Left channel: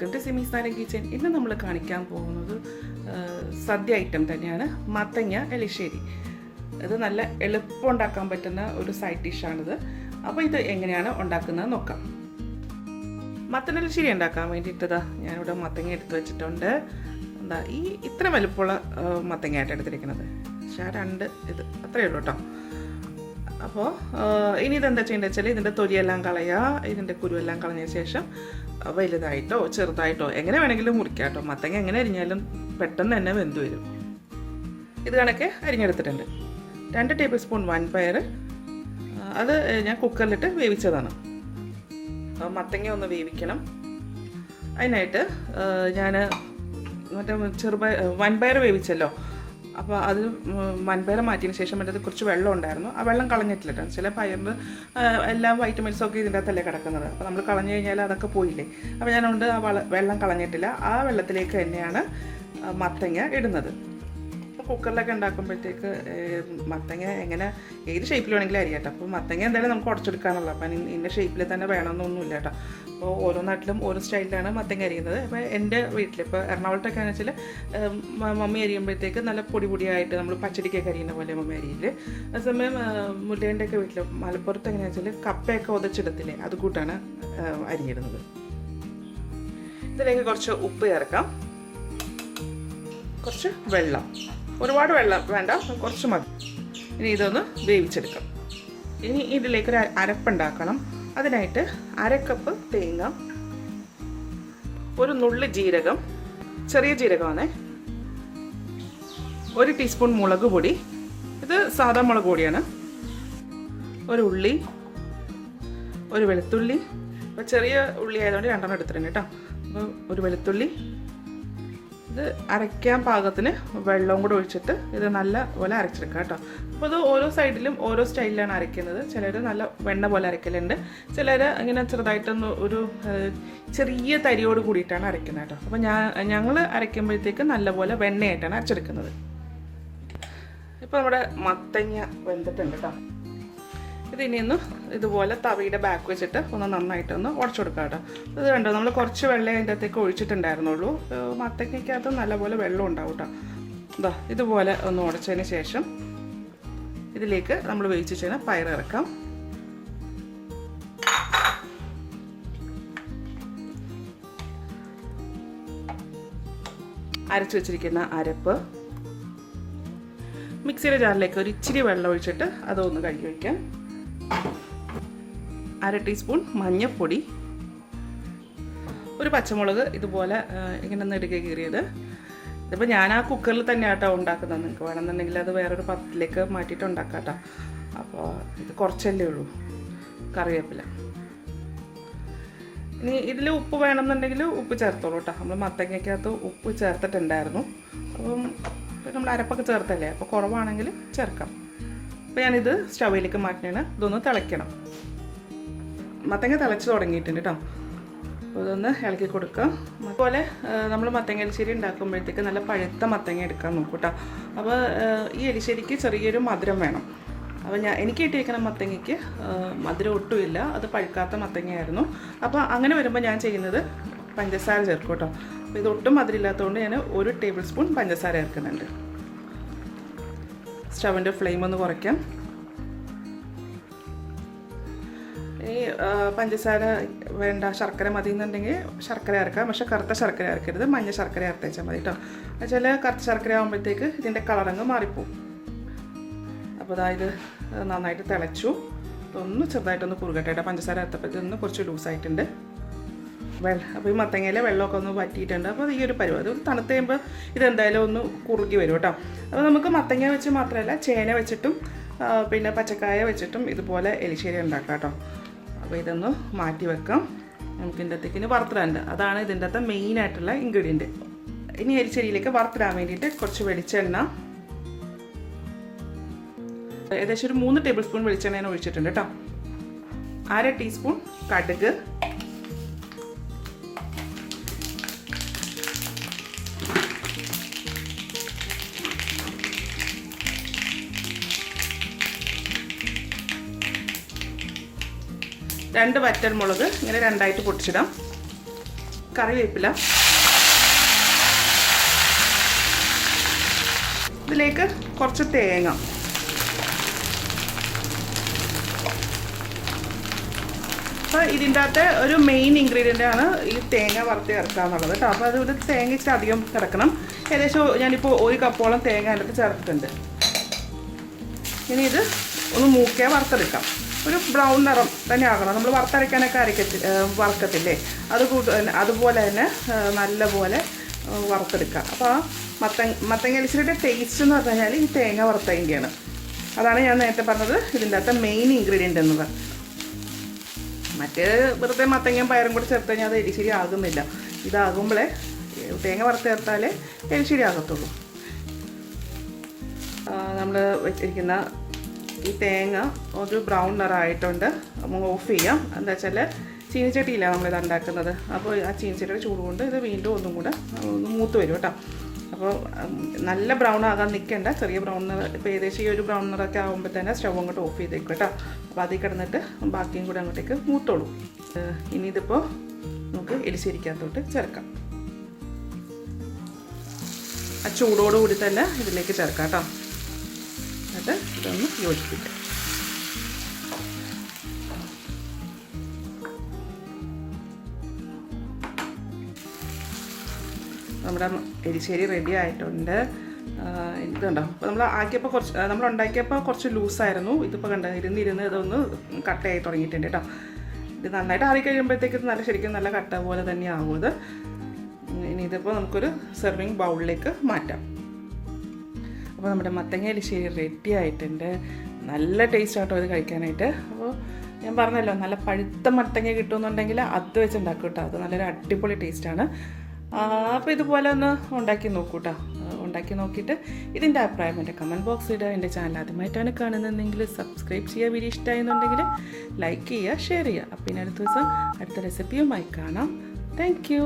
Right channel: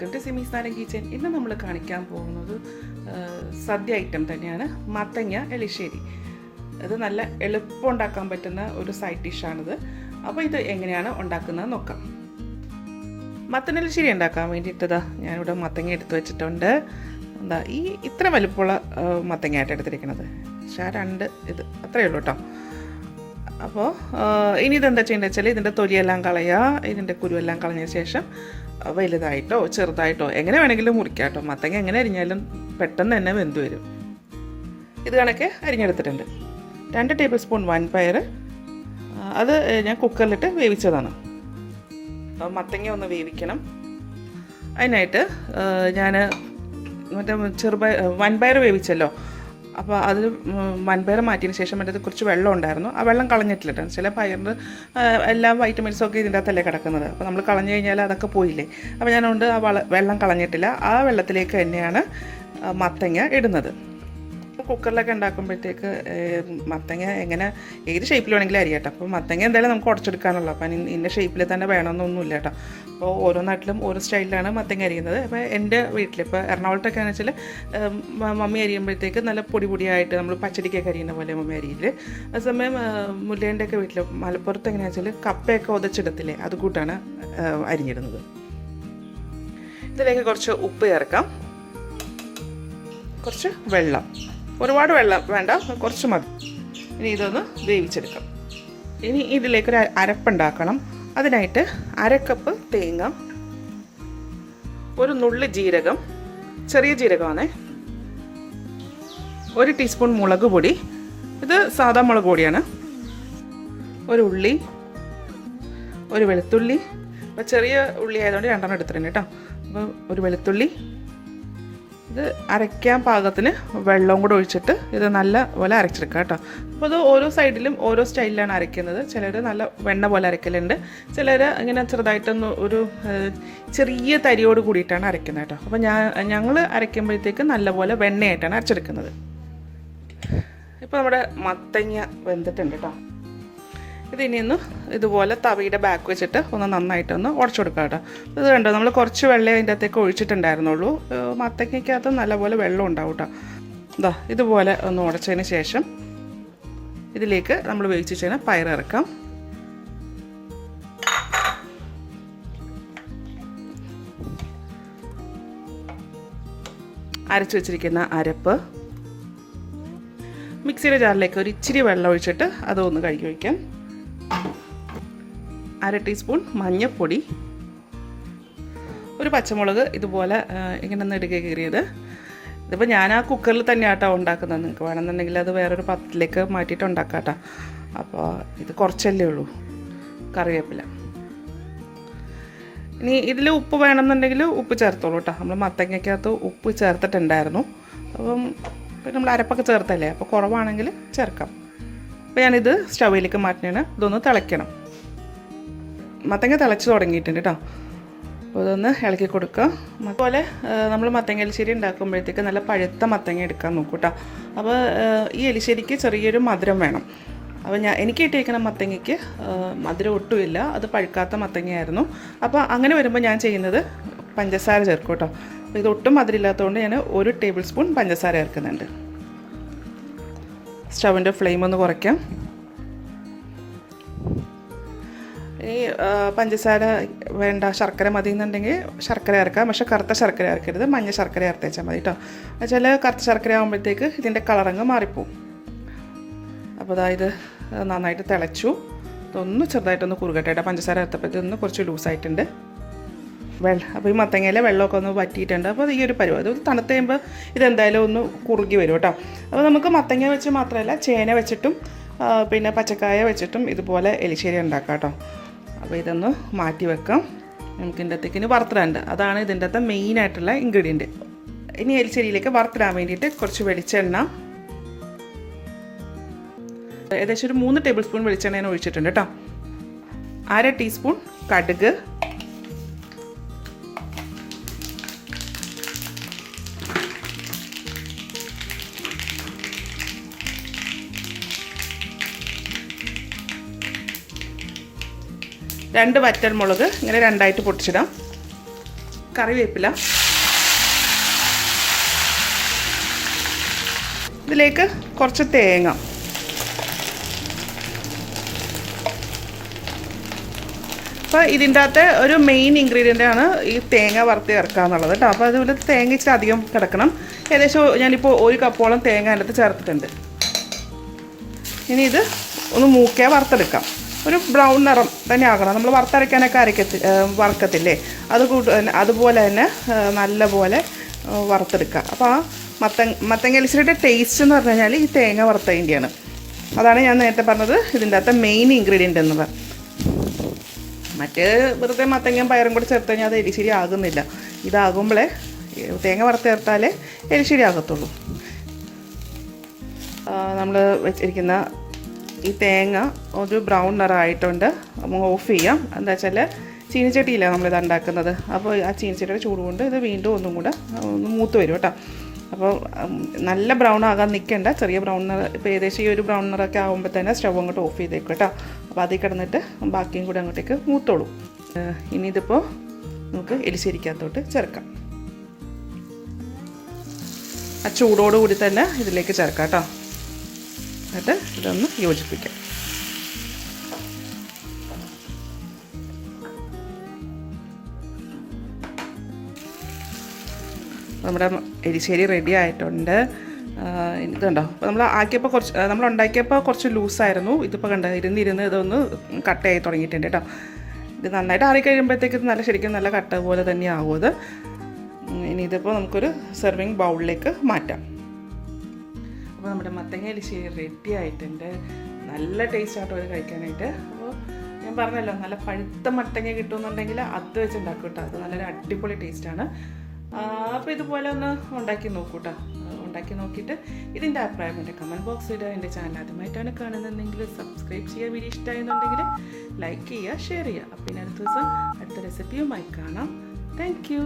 Welcome to സിമീസ് നാടൻ kitchen. ഇന്ന് നമ്മൾ കാണിക്കാൻ പോകുന്നത് സദ്യ ഐറ്റം തന്നെയാണ്, മത്തങ്ങ എലിശ്ശേരി. ഇത് നല്ല എളുപ്പം ഉണ്ടാക്കാൻ പറ്റുന്ന ഒരു സൈഡ് ഡിഷാണിത്. അപ്പോൾ ഇത് എങ്ങനെയാണ് ഉണ്ടാക്കുന്നത് നോക്കാം. മത്തങ്ങ എലിശ്ശേരി ഉണ്ടാക്കാൻ വേണ്ടിയിട്ടതാ ഞാനിവിടെ മത്തങ്ങ എടുത്ത് വെച്ചിട്ടുണ്ട്. എന്താ ഈ ഇത്ര വലുപ്പമുള്ള മത്തങ്ങയായിട്ട് എടുത്തിരിക്കുന്നത്, പക്ഷേ രണ്ട് ഇത് അത്രയേ ഉള്ളൂ കേട്ടോ. അപ്പോൾ ഇനി ഇതെന്താ ചെയ്യേണ്ടത് വെച്ചാൽ ഇതിൻ്റെ തൊലിയെല്ലാം കളയുക. ഇതിൻ്റെ കുരുവെല്ലാം കളഞ്ഞ ശേഷം വലുതായിട്ടോ ചെറുതായിട്ടോ എങ്ങനെ വേണമെങ്കിലും മുറിക്കാം കേട്ടോ. മത്തങ്ങ എങ്ങനെ അരിഞ്ഞാലും പെട്ടെന്ന് തന്നെ വെന്ത് വരും. ഇത് കണക്കെ അരിഞ്ഞെടുത്തിട്ടുണ്ട്. 2 ടേബിൾ സ്പൂൺ വൻപയർ, അത് ഞാൻ കുക്കറിലിട്ട് വേവിച്ചതാണ്. മത്തങ്ങ ഒന്ന് വേവിക്കണം. അതിനായിട്ട് ഞാൻ മറ്റേ വൻപയർ വേവിച്ചല്ലോ, അപ്പോൾ അത് വൻപയർ മാറ്റിയതിന് ശേഷം മറ്റേത് കുറച്ച് വെള്ളം ഉണ്ടായിരുന്നു. ആ വെള്ളം കളഞ്ഞിട്ടില്ല. ചില പയറിന് എല്ലാ വൈറ്റമിൻസൊക്കെ ഇതിൻ്റെ അകത്തല്ലേ കിടക്കുന്നത്. അപ്പോൾ നമ്മൾ കളഞ്ഞു കഴിഞ്ഞാൽ അതൊക്കെ പോയില്ലേ. അപ്പോൾ ഞാനുകൊണ്ട് ആ വെള്ളം കളഞ്ഞിട്ടില്ല. ആ വെള്ളത്തിലേക്ക് തന്നെയാണ് മത്തങ്ങ ഇടുന്നത്. കുക്കറിലൊക്കെ ഉണ്ടാക്കുമ്പോഴത്തേക്ക് മത്തങ്ങ എങ്ങനെ ഏത് ഷേപ്പിൽ വേണമെങ്കിലും അരിയാട്ടോ. അപ്പോൾ മത്തങ്ങ എന്തായാലും നമുക്ക് ഉടച്ചെടുക്കാനുള്ളൂ. അപ്പം ഇന്ന ഷേപ്പിൽ തന്നെ വേണമെന്നൊന്നുമില്ല കേട്ടോ. അപ്പോൾ ഓരോ നാട്ടിലും ഓരോ സ്റ്റൈലിലാണ് മത്തങ്ങ അരിയുന്നത്. അപ്പോൾ എൻ്റെ വീട്ടിൽ ഇപ്പോൾ എറണാകുളത്തൊക്കെ ആണെന്ന് വെച്ചാൽ മമ്മി അരിയുമ്പോഴത്തേക്ക് നല്ല പൊടിയായിട്ട് നമ്മൾ പച്ചടിക്കൊക്കെ അരിയുന്ന പോലെ മമ്മി അരിയില്ലേ. അതേസമയം മുല്ലേൻ്റെയൊക്കെ വീട്ടിൽ മലപ്പുറത്ത് എങ്ങനെയാണെന്ന് വെച്ചാൽ കപ്പയൊക്കെ ഉതച്ചിടത്തില്ലേ, അതുകൂട്ടാണ് അരിഞ്ഞിടുന്നത്. ഇതിലേക്ക് കുറച്ച് ഉപ്പ് ചേർക്കാം, കുറച്ച് വെള്ളം, ഒരുപാട് വെള്ളം വേണ്ട, കുറച്ച് മതി. ഇനി ഇതൊന്ന് വേവിച്ചെടുക്കാം. ഇനി ഇതിലേക്കൊരു അരപ്പുണ്ടാക്കണം. അതിനായിട്ട് 1/2 കപ്പ് തേങ്ങ, ഒരു നുള്ളി ജീരകം, ചെറിയ ജീരകമാണ്, 1 ടീസ്പൂൺ മുളക് പൊടി, ഇത് സാധാ മുളക് പൊടിയാണ്, ഒരു ഉള്ളി, ഒരു വെളുത്തുള്ളി. അപ്പോൾ ചെറിയ ഉള്ളി ആയതുകൊണ്ട് 2 എടുത്തിട്ടുണ്ട് കേട്ടോ. അപ്പോൾ ഒരു വെളുത്തുള്ളി, ഇത് അരയ്ക്കാൻ പാകത്തിന് വെള്ളവും കൂടെ ഒഴിച്ചിട്ട് ഇത് നല്ല പോലെ അരച്ചെടുക്കുക കേട്ടോ. അപ്പോൾ ഇത് ഓരോ സൈഡിലും ഓരോ സ്റ്റൈലിലാണ് അരയ്ക്കുന്നത്. ചിലർ നല്ല വെണ്ണ പോലെ അരയ്ക്കലുണ്ട്, ചിലർ ഇങ്ങനെ ചെറുതായിട്ടൊന്ന് ഒരു ചെറിയ തരിയോട് കൂടിയിട്ടാണ് അരയ്ക്കുന്നത് കേട്ടോ. അപ്പോൾ ഞങ്ങൾ അരയ്ക്കുമ്പോഴത്തേക്ക് നല്ലപോലെ വെണ്ണയായിട്ടാണ് അരച്ചെടുക്കുന്നത്. ഇപ്പോൾ നമ്മുടെ മത്തങ്ങ വെന്തിട്ടുണ്ട് കേട്ടോ. ഇതിനിന്ന് ഇതുപോലെ തവിയുടെ ബാക്ക് വെച്ചിട്ട് ഒന്ന് നന്നായിട്ടൊന്ന് ഉടച്ചു കൊടുക്കാം കേട്ടോ. ഇത് കണ്ടോ, നമ്മൾ കുറച്ച് വെള്ളം അതിൻ്റെ അകത്തേക്ക് ഒഴിച്ചിട്ടുണ്ടായിരുന്നുള്ളൂ. മത്തങ്ങയ്ക്കകത്ത് നല്ലപോലെ വെള്ളം ഉണ്ടാവും കേട്ടോ. ഇതാ ഇതുപോലെ ഒന്ന് ഉടച്ചതിന് ശേഷം ഇതിലേക്ക് നമ്മൾ വേവിച്ച് വെച്ചാൽ പയർ ഇറക്കാം. അരച്ച് വെച്ചിരിക്കുന്ന അരപ്പ് മിക്സിയുടെ ജാറിലേക്ക് ഒരു ഇച്ചിരി വെള്ളം ഒഴിച്ചിട്ട് അതൊന്ന് കഴുകി വയ്ക്കാം. 1/2 ടീസ്പൂൺ മഞ്ഞൾപ്പൊടി, ഒരു പച്ചമുളക് ഇതുപോലെ ഇങ്ങനെ നെടുകെ കീറിയത്. ഇതിപ്പോൾ ഞാൻ ആ കുക്കറിൽ തന്നെയാട്ടോ ഉണ്ടാക്കുന്നത്. നിങ്ങൾക്ക് വേണമെന്നുണ്ടെങ്കിൽ അത് വേറൊരു പാത്രത്തിലേക്ക് മാറ്റിയിട്ട് ഉണ്ടാക്കാം കേട്ടോ. അപ്പോൾ ഇത് കുറച്ചല്ലേ ഉള്ളൂ. കറിവേപ്പില. ഇനി ഇതിൽ ഉപ്പ് വേണമെന്നുണ്ടെങ്കിൽ ഉപ്പ് ചേർത്തോളൂ കേട്ടോ. നമ്മൾ മത്തങ്ങയ്ക്കകത്ത് ഉപ്പ് ചേർത്തിട്ടുണ്ടായിരുന്നു. അപ്പം നമ്മൾ അരപ്പൊക്കെ ചേർത്തല്ലേ, അപ്പോൾ കുറവാണെങ്കിൽ ചേർക്കാം. അപ്പോൾ ഞാനിത് സ്റ്റൗവിലേക്ക് മാറ്റിയാണ്. ഇതൊന്ന് തിളയ്ക്കണം. മത്തങ്ങ തിളച്ച് തുടങ്ങിയിട്ടുണ്ട് കേട്ടോ. അപ്പോൾ ഇതൊന്ന് ഇളക്കി കൊടുക്കാം. അതുപോലെ നമ്മൾ മത്തങ്ങ എലിശ്ശേരി ഉണ്ടാക്കുമ്പോഴത്തേക്ക് നല്ല പഴുത്ത മത്തങ്ങ എടുക്കാൻ നോക്കൂ കേട്ടോ. അപ്പോൾ ഈ എലിശ്ശേരിക്ക് ചെറിയൊരു മധുരം വേണം. അപ്പോൾ എനിക്ക് കിട്ടിയിരിക്കുന്ന മത്തങ്ങയ്ക്ക് മധുരം ഒട്ടുമില്ല, അത് പഴുക്കാത്ത മത്തങ്ങയായിരുന്നു. അപ്പോൾ അങ്ങനെ വരുമ്പോൾ ഞാൻ ചെയ്യുന്നത് പഞ്ചസാര ചേർക്കും കേട്ടോ. അപ്പോൾ ഇതൊട്ടും മധുരമില്ലാത്തതുകൊണ്ട് ഞാൻ 1 ടേബിൾ സ്പൂൺ പഞ്ചസാര ചേർക്കുന്നുണ്ട്. സ്റ്റൗവിൻ്റെ ഫ്ലെയിം ഒന്ന് കുറയ്ക്കാം. ഈ പഞ്ചസാര വേണ്ട, ശർക്കര മതി എന്നുണ്ടെങ്കിൽ ശർക്കര ചേർക്കാം. പക്ഷേ കറുത്ത ശർക്കര ചേർക്കരുത്, മഞ്ഞ ശർക്കര ചേർത്തേച്ചാൽ മതി കേട്ടോ. എന്നുവെച്ചാൽ കറുത്ത ശർക്കര ആകുമ്പോഴത്തേക്ക് ഇതിൻ്റെ കളറങ്ങ് മാറിപ്പോവും. അപ്പോൾ അതായത് നന്നായിട്ട് തിളച്ചു. ഇതൊന്ന് ചെറുതായിട്ടൊന്ന് കുറുകട്ടെ കേട്ടോ. പഞ്ചസാര ചേർത്തപ്പോഴത്തേക്ക് കുറച്ച് ലൂസായിട്ടുണ്ട്. അപ്പോൾ ഈ മത്തങ്ങയിലെ വെള്ളമൊക്കെ ഒന്ന് വറ്റിയിട്ടുണ്ട്. അപ്പോൾ ഈ ഒരു പരുവം അത് തണുത്ത് കഴിയുമ്പോൾ ഇതെന്തായാലും ഒന്ന് കുറുകി വരും കേട്ടോ. അപ്പോൾ നമുക്ക് മത്തങ്ങ വെച്ച് മാത്രമല്ല ചേന വെച്ചിട്ടും പിന്നെ പച്ചക്കായ വെച്ചിട്ടും ഇതുപോലെ എലിശ്ശേരി ഉണ്ടാക്കാം കേട്ടോ. അപ്പോൾ ഇതൊന്ന് മാറ്റി വെക്കാം. നമുക്ക് ഇതിൻ്റെ അകത്തേക്ക് ഇനി വറുത്തിടാനുണ്ട്. അതാണ് ഇതിൻ്റെ അകത്തെ മെയിനായിട്ടുള്ള ഇൻഗ്രീഡിയൻറ്റ്. ഇനി എലിശ്ശേരിയിലേക്ക് വറുത്തിടാൻ വേണ്ടിയിട്ട് കുറച്ച് വെളിച്ചെണ്ണ, ഏകദേശം ഒരു 3 ടേബിൾ സ്പൂൺ വെളിച്ചെണ്ണ ഞാൻ ഒഴിച്ചിട്ടുണ്ട് കേട്ടോ. 1/2 ടീസ്പൂൺ കടുക്, 2 വറ്റൽമുളക് ഇങ്ങനെ രണ്ടായിട്ട് പൊടിച്ചിടാം. കറിവേപ്പില, ഇതിലേക്ക് കുറച്ച് തേങ്ങ, അപ്പോൾ ഇതിൻ്റെ അകത്ത് ഒരു മെയിൻ ഇൻഗ്രീഡിയൻ്റ് ആണ് ഈ തേങ്ങ വറുത്ത് ചേർക്കുക എന്നുള്ളത് കേട്ടോ. അപ്പോൾ അതുപോലെ തേങ്ങ ഇച്ചിരി അധികം കിടക്കണം. ഏകദേശം ഞാനിപ്പോൾ 1 കപ്പോളം തേങ്ങ അതിൻ്റെ അകത്ത് ചേർത്തിട്ടുണ്ട്. ഇനി ഇത് ഒന്ന് മൂക്കിയാൽ വറുത്തെടുക്കാം. ഒരു ബ്രൗൺ നിറം തന്നെ ആകണം. നമ്മൾ വറുത്തരയ്ക്കാനൊക്കെ വറുക്കത്തില്ലേ, അതുപോലെ തന്നെ നല്ലപോലെ വറുത്തെടുക്കുക. അപ്പോൾ ആ മത്തങ്ങ എലിശ്ശേരിയുടെ ടേസ്റ്റ് എന്ന് പറഞ്ഞു കഴിഞ്ഞാൽ ഈ തേങ്ങ വറുത്തതിൻ്റെയാണ്. അതാണ് ഞാൻ നേരത്തെ പറഞ്ഞത് ഇതിൻ്റെ അകത്തെ മെയിൻ ഇൻഗ്രീഡിയൻ്റ് എന്നത്. മറ്റേ വെറുതെ മത്തങ്ങയും പയറും കൂടി ചേർത്ത് കഴിഞ്ഞാൽ അത് എലിശ്ശേരി ആകുന്നില്ല. ഇതാകുമ്പോഴേ തേങ്ങ വറുത്ത് ചേർത്താലേ എലിശ്ശേരി ആകത്തുള്ളൂ. നമ്മൾ വെച്ചിരിക്കുന്ന ഈ തേങ്ങ ഒരു ബ്രൗൺ നിറമായിട്ടുണ്ട്. നമുക്ക് ഓഫ് ചെയ്യാം. എന്താ വെച്ചാൽ ചീനിച്ചട്ടിയില്ല നമ്മളിത് ഉണ്ടാക്കുന്നത്. അപ്പോൾ ആ ചീനിച്ചട്ടിയുടെ ചൂട് കൊണ്ട് ഇത് വീണ്ടും ഒന്നും കൂടെ ഒന്ന് മൂത്ത് വരും കേട്ടോ. അപ്പോൾ നല്ല ബ്രൗൺ ആകാൻ നിൽക്കേണ്ട, ചെറിയ ബ്രൗൺ നിറ. ഇപ്പോൾ ഏകദേശം ഈ ഒരു ബ്രൗൺ നിറമൊക്കെ ആകുമ്പോൾ തന്നെ സ്റ്റവ് അങ്ങോട്ട് ഓഫ് ചെയ്തേക്കും കേട്ടോ. അപ്പോൾ അതിൽ കിടന്നിട്ട് ബാക്കിയും കൂടെ അങ്ങോട്ടേക്ക് മൂത്തോളൂ. ഇനി ഇതിപ്പോൾ നമുക്ക് എലിശ്ശേരിക്കകത്തോട്ട് ചേർക്കാം. ആ ചൂടോടുകൂടി തന്നെ ഇതിലേക്ക് ചേർക്കാം കേട്ടോ. എന്നിട്ട് ഇതൊന്ന് യോജിപ്പിക്കാം. നമ്മുടെ എരിശ്ശേരി റെഡി ആയിട്ടുണ്ട്. ഇതുണ്ടോ, അപ്പോൾ നമ്മൾ ഉണ്ടാക്കിയപ്പോൾ കുറച്ച് ലൂസായിരുന്നു. ഇതിപ്പോൾ കണ്ടോ, ഇരുന്ന് ഇതൊന്ന് കട്ടയായി തുടങ്ങിയിട്ടുണ്ട് കേട്ടോ. ഇത് നന്നായിട്ട് ആറിക്കഴിയുമ്പോഴത്തേക്ക് ശരിക്കും നല്ല കട്ട പോലെ തന്നെ ആവും ഇത്. ഇനി ഇതിപ്പോൾ നമുക്കൊരു സെർവിങ് ബൗളിലേക്ക് മാറ്റാം. അപ്പോൾ നമ്മുടെ മത്തങ്ങ എലിശ്ശേരി റെഡി ആയിട്ടുണ്ട്. നല്ല ടേസ്റ്റ് ആട്ടോ ഇത് കഴിക്കാനായിട്ട്. അപ്പോൾ ഞാൻ പറഞ്ഞല്ലോ, നല്ല പഴുത്ത മത്തങ്ങ കിട്ടുമെന്നുണ്ടെങ്കിൽ അത് വെച്ച് ഉണ്ടാക്കും കേട്ടോ. അത് നല്ലൊരു അടിപൊളി ടേസ്റ്റാണ്. അപ്പോൾ ഇതുപോലെ ഒന്ന് ഉണ്ടാക്കി നോക്കൂ കേട്ടോ. ഉണ്ടാക്കി നോക്കിയിട്ട് ഇതിൻ്റെ അഭിപ്രായം എൻ്റെ കമൻറ്റ് ബോക്സ് ഇടുക. എൻ്റെ ചാനൽ ആദ്യമായിട്ടാണ് കാണുന്നതെങ്കിൽ സബ്സ്ക്രൈബ് ചെയ്യുക. വീഡിയോ ഇഷ്ടമായെന്നുണ്ടെങ്കിൽ ലൈക്ക് ചെയ്യുക, ഷെയർ ചെയ്യുക. അപ്പോൾ ഇനി അടുത്ത ദിവസം അടുത്ത റെസിപ്പിയുമായി കാണാം. Thank you.